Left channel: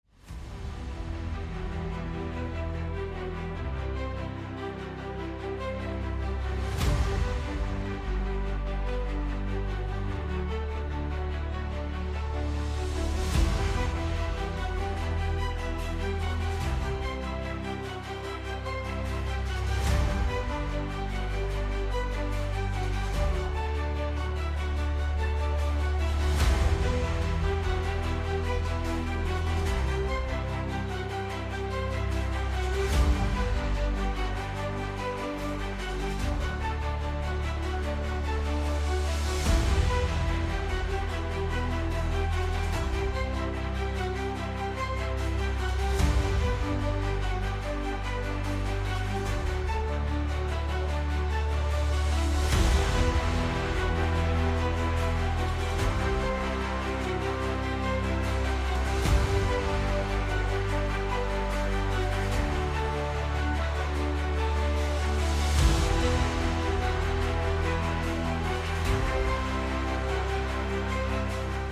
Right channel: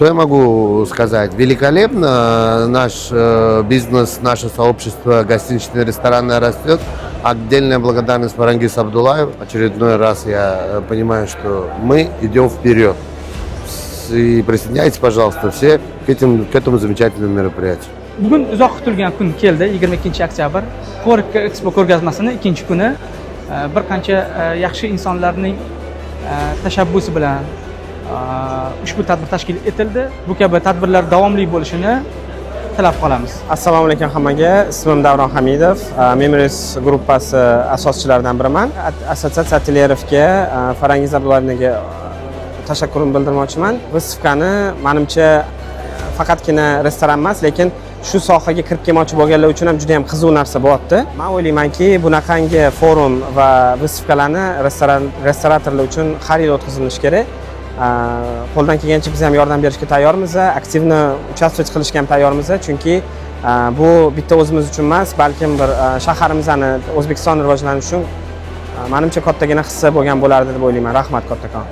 Что я могу сказать? Великолепно. Наш бизнес, наше сообщество гостиничное, ресторанное растет. Отдельная благодарность Фарангиз Абдулаев. Очередной раз я понимаю, что мы идем вперед. И присоединяйтесь, пожалуйста, все к этому замечательному мероприятию. Bugun uzoq kutilgan kun keldi, 22-oktyabr. Forex Expo ko'rgazmasining ikkinchi kuni bir qancha yaxshi insonlarning tashabbusi bilan ushbu tadbir tashkil etildi. Bu kabi tadbirlar davomli bo'lishini tilab qolamiz. Assalomu alaykum hammaga. Ismim Davron Hamidov. Memories gruppasi asoschilaridan biriman. Assotsiatsiya Atelyerovga, Farangiz Abdullayevga tashakkurimni bildirmoqchiman. Выставкani menimcha faqatgina restoran emas, lekin shu sohaga kirib kelmoqchi bo'lganlar uchun ham juda ham qiziq narsa bo'lyapti. Men o'ylaymanki, bunaqangi forum va выставкаlarni restoratorlar uchun har yil o'tkazilishi kerak. Qo'ldan kelgancha biz ham yordam berishga tayyormiz, aktivni участвовать qilishga ham tayyormiz, chunki bu bitta o'zimiz uchun emas, balkim bir shaharimizni, O'zbekiston rivojlanishi uchun menimcha kattagina hissa bo'lgan bo'lardi deb o'ylayman. Rahmat kattakon.